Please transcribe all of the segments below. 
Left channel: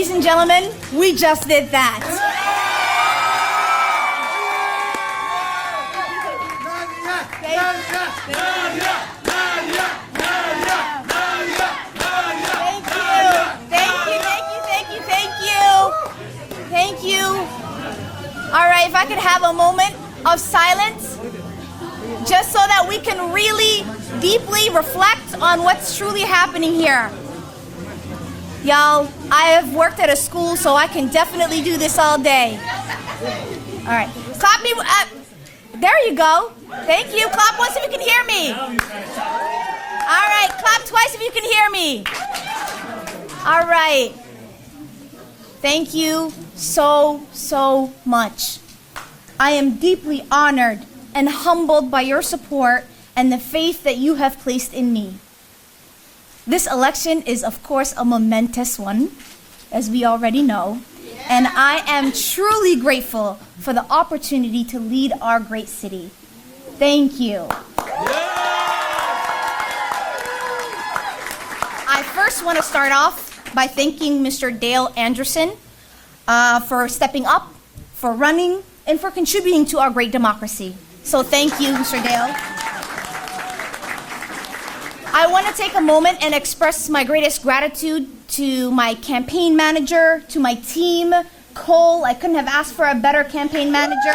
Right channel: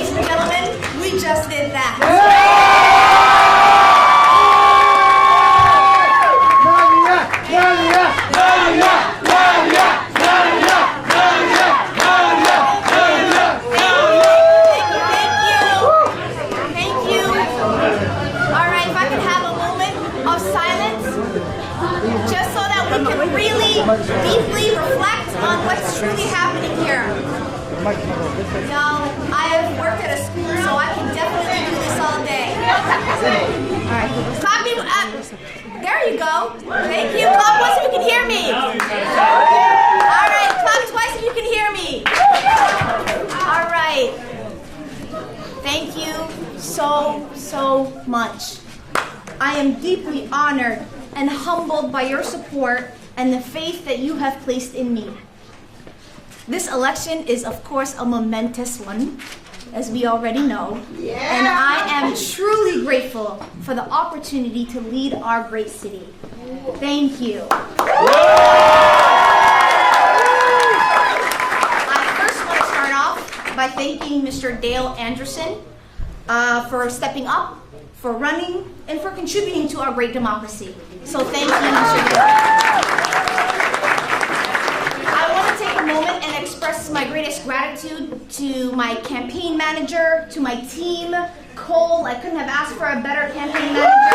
ladies and gentlemen, we just did that. Thank you. All right, if I could have a moment of silence, just so that we can really deeply reflect on what's truly happening here. Y'all, I have worked at a school, so I can definitely do this all day. All right, clap me. There you go. Thank you. Clap once if you can hear me. All right, clap twice if you can hear me. All right. Thank you so much. I am deeply honored and humbled by your support and the faith that you have placed in me. This election is, of course, a momentous one, as we already know, and I am truly grateful for the opportunity to lead our great city. Thank you. I first want to start off by thanking Mr. Dale Anderson for stepping up, for running, and for contributing to our great democracy. So thank you, Mr. Dale. I want to take a moment and express my greatest gratitude to my campaign manager, to my team, Cole. I couldn't have asked for a better campaign manager.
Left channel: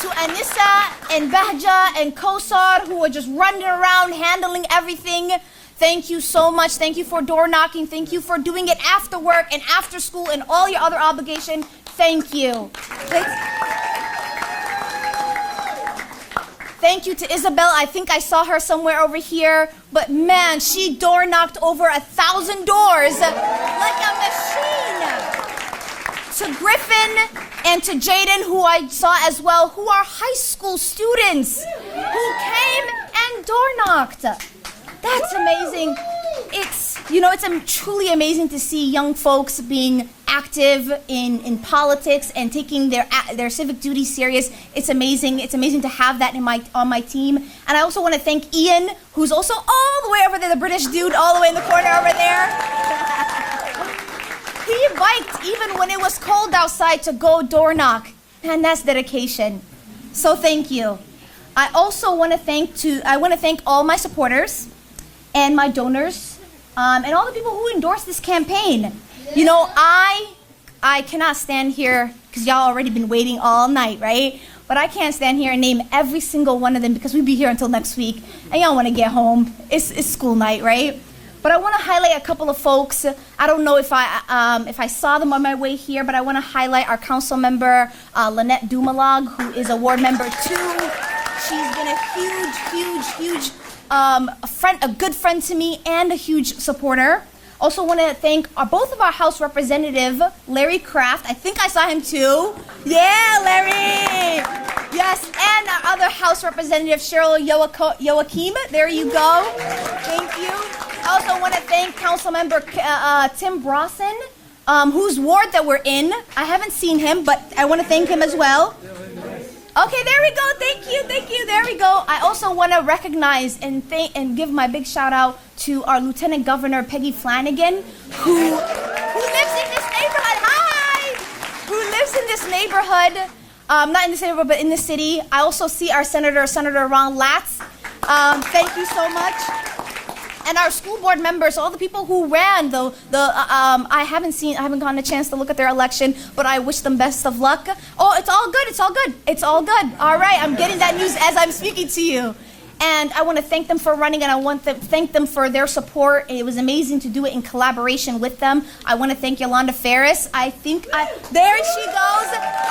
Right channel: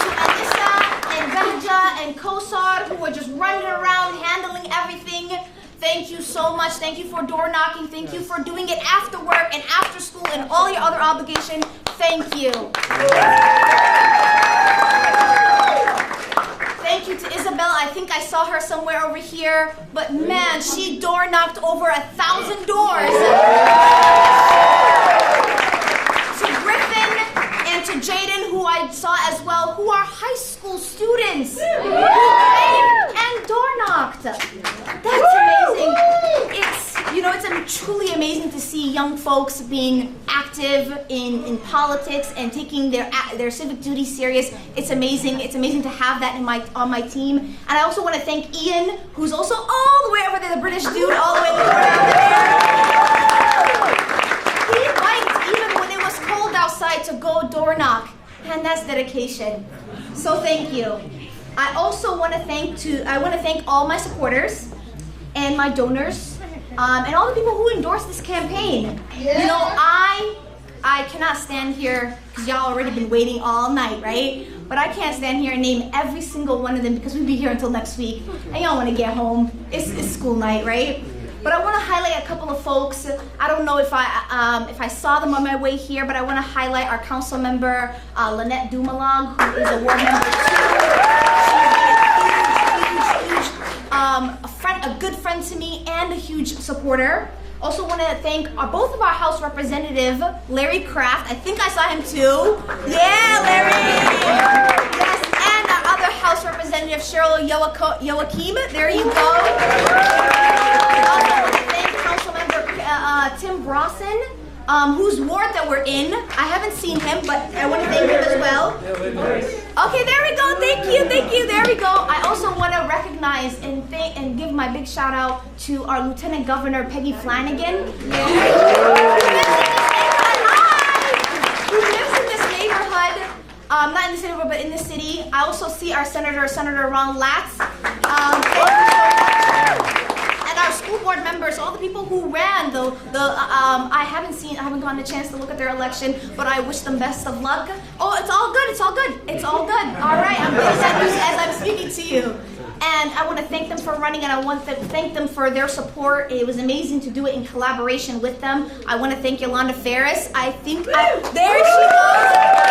To Anissa and Behja and Kosar, who are just running around, handling everything. Thank you so much. Thank you for door knocking. Thank you for doing it after work and after school and all your other obligations. Thank you. Thank you to Isabel. I think I saw her somewhere over here, but man, she door knocked over 1,000 doors. To Griffin and to Jaden, who I saw as well, who are high school students who came and door knocked. That's amazing. It's truly amazing to see young folks being active in politics and taking their civic duty serious. It's amazing. It's amazing to have that on my team. And I also want to thank Ian, who's also all the way over there, the British dude, all the way in the corner over there. He biked even when it was cold outside to go door knock, and that's dedication. So thank you. I also want to thank all my supporters and my donors. And all the people who endorsed this campaign. You know, I cannot stand here, because y'all already been waiting all night, right? But I can't stand here and name every single one of them, because we'll be here until next week, and y'all want to get home. It's school night, right? But I want to highlight a couple of folks. I don't know if I saw them on my way here, but I want to highlight our council member, Lynette Dumalag, who is a ward member too. A good friend to me and a huge supporter. Also want to thank both of our House representative, Larry Kraft. I think I saw him too. Yeah, Larry! Yes, and our other House representative, Cheryl Joachim. There you go. Thank you. I also want to thank Council Member Tim Brosson, whose ward that we're in. I haven't seen him, but I want to thank him as well. Okay, there we go. Thank you. There we go. I also want to recognize and give my big shout out to our Lieutenant Governor Peggy Flanagan, who lives in this neighborhood. Not in this neighborhood, but in the city. I also see our Senator Ron Latz. Thank you so much. And our school board members, all the people who ran I haven't gotten a chance to look at their election, but I wish them best of luck. Oh, it's all good. All right, I'm getting that news as I'm speaking to you. And I want to thank them for running, and I want to thank them for their support. It was amazing to do it in collaboration with them. I want to thank Yolanda Ferris. There she goes,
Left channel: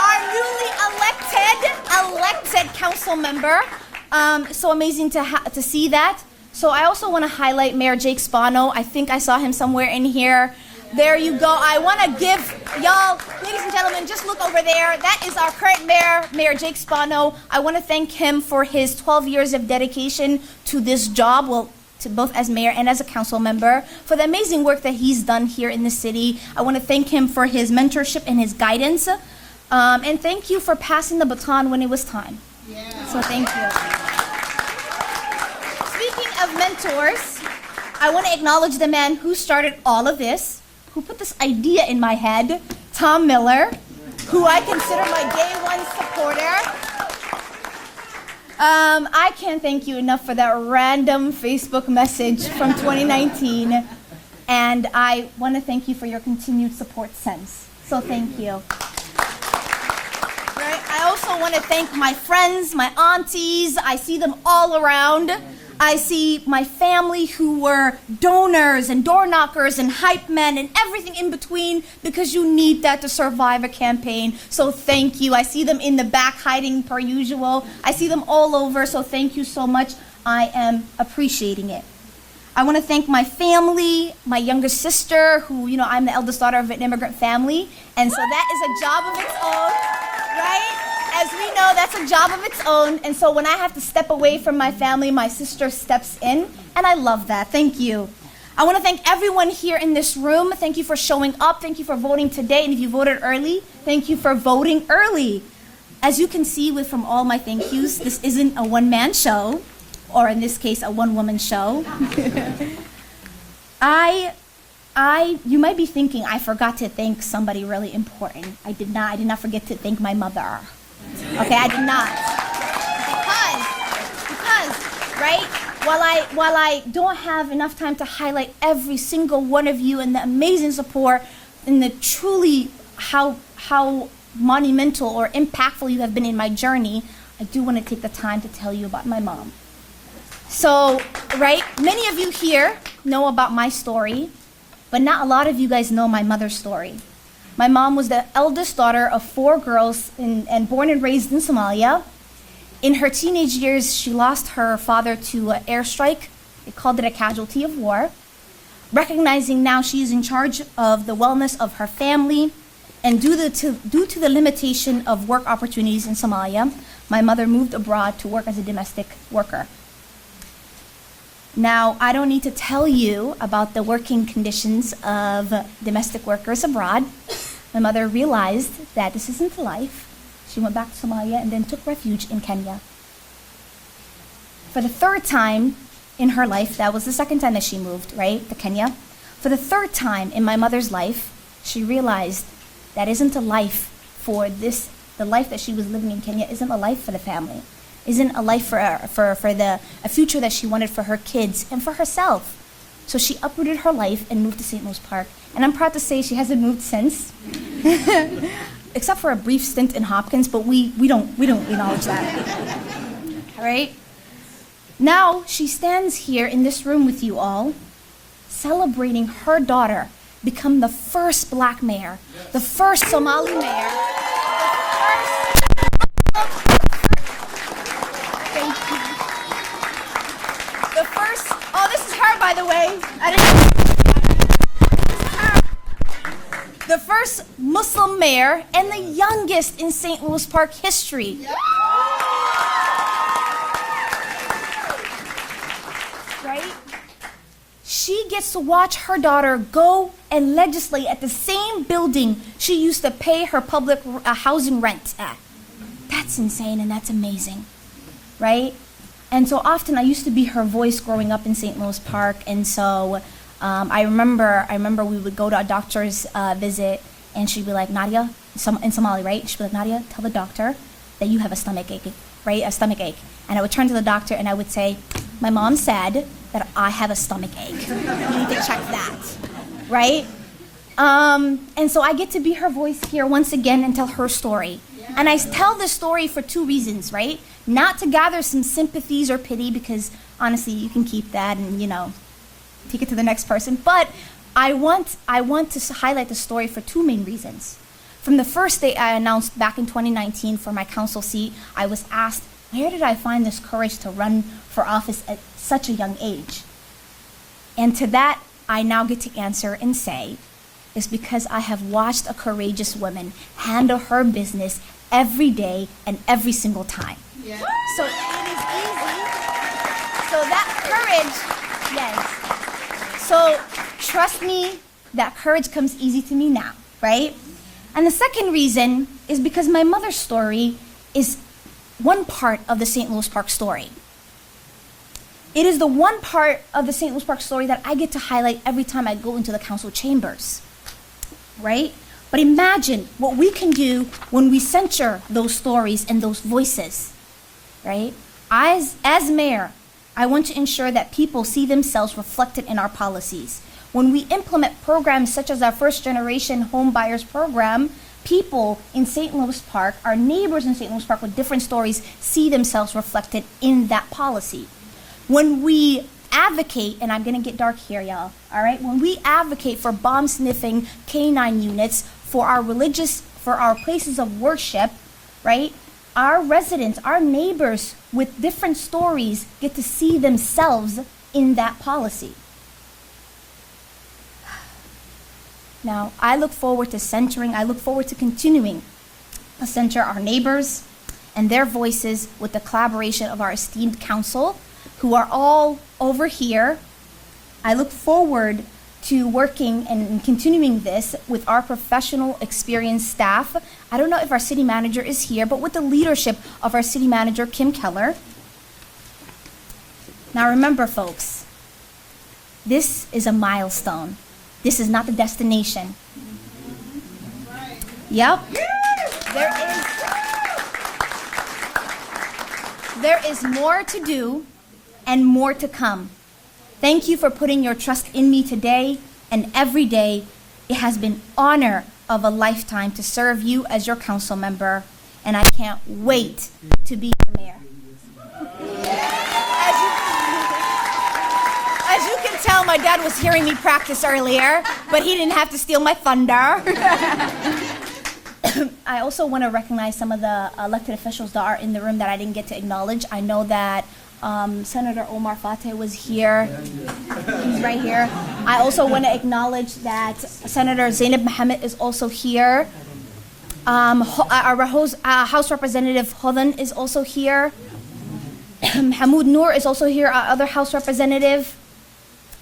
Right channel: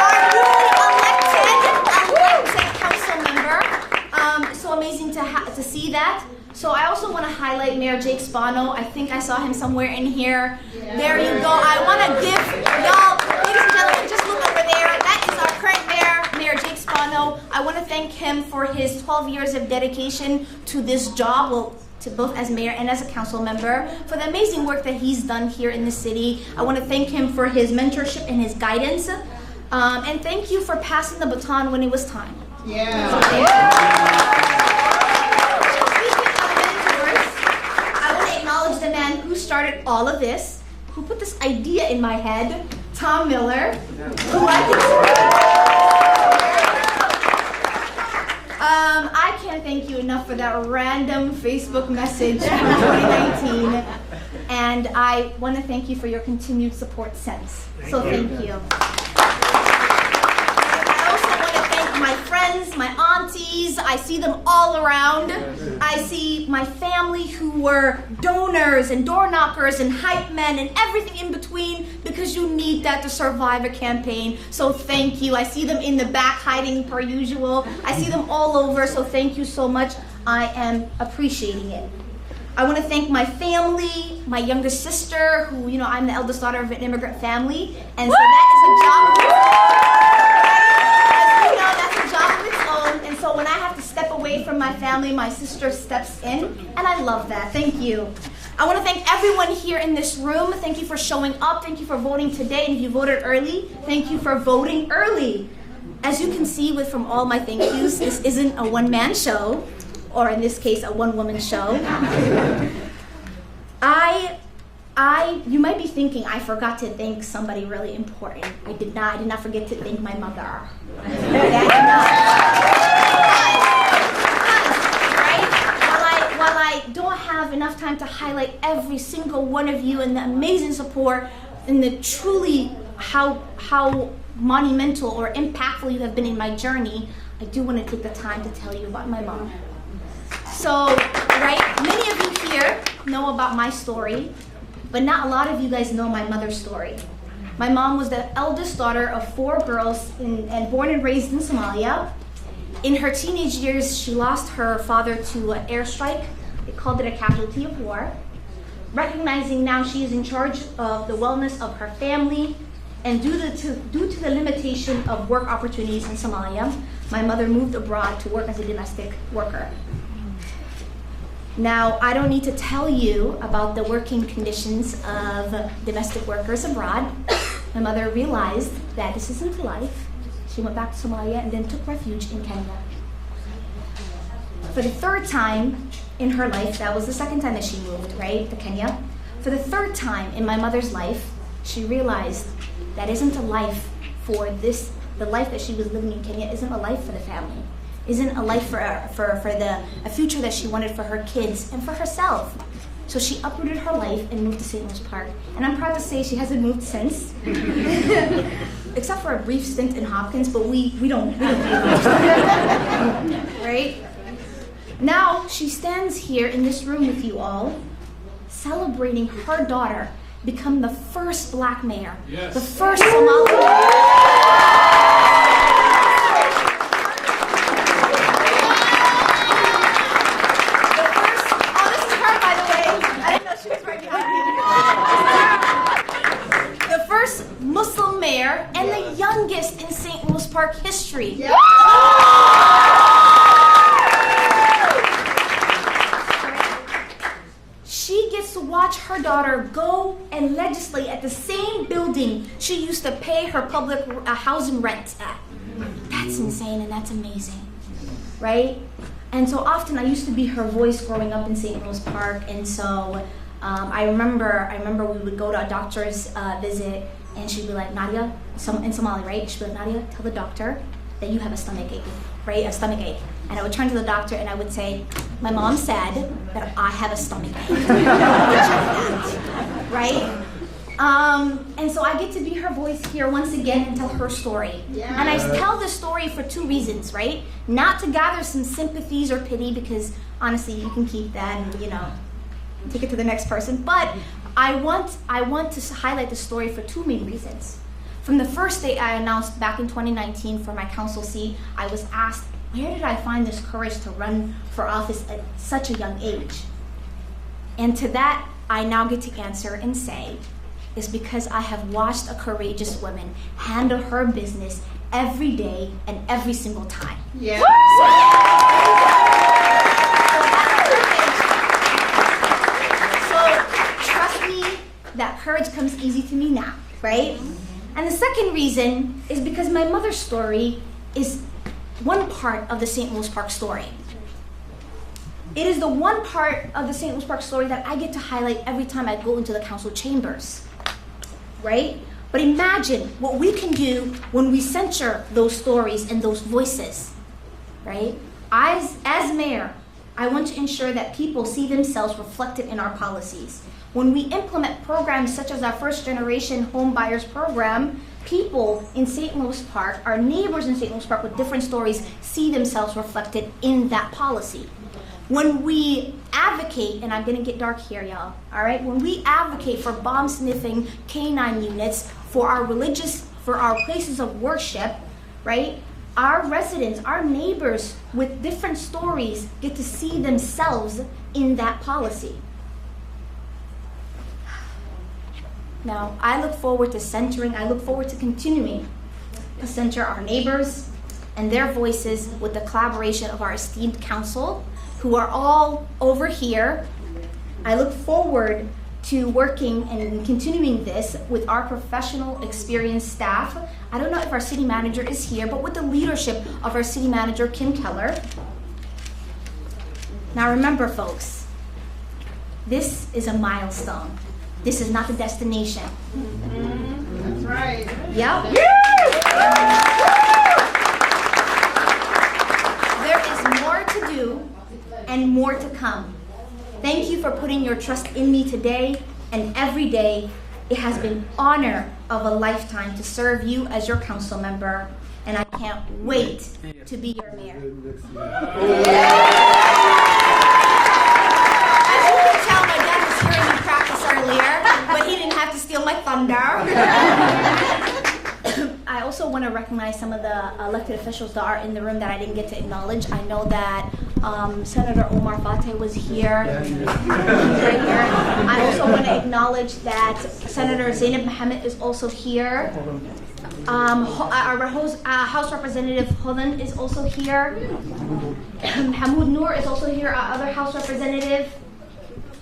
our newly elected council member. So amazing to see that. So I also want to highlight Mayor Jake Spano. I think I saw him somewhere in here. There you go. I want to give y'all, ladies and gentlemen, just look over there. That is our current mayor, Mayor Jake Spano. I want to thank him for his 12 years of dedication to this job, well, to both as mayor and as a council member, for the amazing work that he's done here in the city. I want to thank him for his mentorship and his guidance. And thank you for passing the baton when it was time. Yeah. So thank you. acknowledge the man who started all of this, who put this idea in my head, Tom Miller, who I consider a genuine supporter. I can't thank you enough for that random Facebook message from 2019. And I want to thank you for your continued support since. So thank you. I also want to thank my friends, my aunties. I see them all around. I see my family who were donors and door knockers and hype men and everything in between, because you need that to survive a campaign. So thank you. I see them in the back hiding per usual. I see them all over, so thank you so much. I am appreciating it. I want to thank my family, my younger sister, who, I'm the eldest daughter of an immigrant family, and so that is a job of its own, right? As we know, that's a job of its own, and so when I have to step away from my family, my sister steps in, and I love that. Thank you. I want to thank everyone here in this room. Thank you for showing up. Thank you for voting today, and if you voted early, thank you for voting early. As you can see from all my thank yous, this isn't a one-man show, or in this case, a one-woman show. You might be thinking I forgot to thank somebody really important. I did not forget to thank my mother. Okay, I did not. Because, right, while I don't have enough time to highlight every single one of you and the amazing support and the truly how monumental or impactful you have been in my journey, I do want to take the time to tell you about my mom. So, right, many of you here know about my story, but not a lot of you guys know my mother's story. My mom was the eldest daughter of 4 girls and born and raised in Somalia. In her teenage years, she lost her father to an airstrike. They called it a casualty of war. Recognizing now she is in charge of the wellness of her family, and due to the limitation of work opportunities in Somalia, my mother moved abroad to work as a domestic worker. Now, I don't need to tell you about the working conditions of domestic workers abroad. My mother realized that this isn't life. She went back to Somalia and then took refuge in Kenya. For the 3rd time in her life, that was the 2nd time that she moved, right, to Kenya. For the 3rd time in my mother's life, she realized that isn't a life for this, the life that she was living in Kenya isn't a life for the family. Isn't a life for a future that she wanted for her kids and for herself. So she uprooted her life and moved to St. Louis Park. And I'm proud to say she hasn't moved since, except for a brief stint in Hopkins. But we don't right? Now she stands here in this room with you all, celebrating her daughter become the first Black mayor, the first Somali mayor. Muslim mayor and the youngest in St. Louis Park history. Yeah. Right? She gets to watch her daughter go and legislate at the same building she used to pay her public housing rent at. That's insane and that's amazing, right? And so often I used to be her voice growing up in St. Louis Park, and so I remember we would go to a doctor's visit. And she'd be like, Nadia, in Somali, right? She'd be like, Nadia, tell the doctor that you have a stomach ache, right? A stomach ache. And I would turn to the doctor and I would say, my mom said that I have a stomach ache. Check that, right? And so I get to be her voice here once again and tell her story. Yeah. And I tell this story for 2 reasons, right? Not to gather some sympathies or pity, because honestly, you can keep that and, take it to the next person. But I want to highlight the story for 2 main reasons. From the first day I announced back in 2019 for my council seat, I was asked, where did I find this courage to run for office at such a young age? And to that, I now get to answer and say, is because I have watched a courageous woman handle her business every day and every single time. Yeah. So that courage, yes. So trust me, that courage comes easy to me now, right? And the second reason is because my mother's story is one part of the St. Louis Park story. It is the one part of the St. Louis Park story that I get to highlight every time I go into the council chambers, right? But imagine what we can do when we center those stories and those voices, right? As mayor, I want to ensure that people see themselves reflected in our policies. When we implement programs such as our first generation home buyers program, people in St. Louis Park, our neighbors in St. Louis Park with different stories, see themselves reflected in that policy. When we advocate, and I'm gonna get dark here, y'all, all right? When we advocate for bomb sniffing canine units for our places of worship, right? Our residents, our neighbors with different stories get to see themselves in that policy. Now, I look forward to continuing to center our neighbors and their voices with the collaboration of our esteemed council, who are all over here. I look forward to working and continuing this with our professional, experienced staff. I don't know if our city manager is here, but with the leadership of our city manager, Kim Keller. Now remember, folks, this is a milestone. This is not the destination. That's right. Yep. There is more to do and more to come. Thank you for putting your trust in me today and every day. It has been honor of a lifetime to serve you as your council member, and I can't wait to be your mayor. As you can tell, my dad was hearing me practice earlier, but he didn't have to steal my thunder. I also want to recognize some of the elected officials that are in the room that I didn't get to acknowledge. I know that Senator Omar Fateh was here. He's right here. I also want to acknowledge that Senator Zainab Mohammed is also here. Our House Representative Hodan is also here. Hamoud Noor is also here, our other House Representative.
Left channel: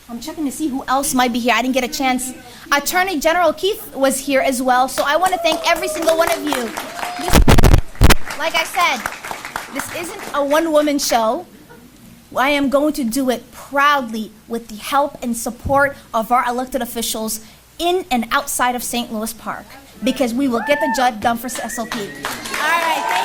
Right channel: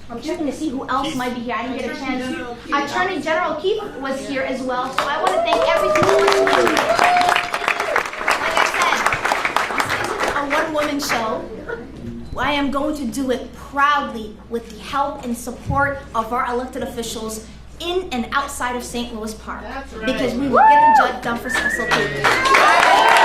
I'm checking to see who else might be here. I didn't get a chance. Attorney General Keith was here as well, so I want to thank every single one of you. Like I said, this isn't a one-woman show. I am going to do it proudly with the help and support of our elected officials in and outside of St. Louis Park, because we will get the job done for SLP. All right.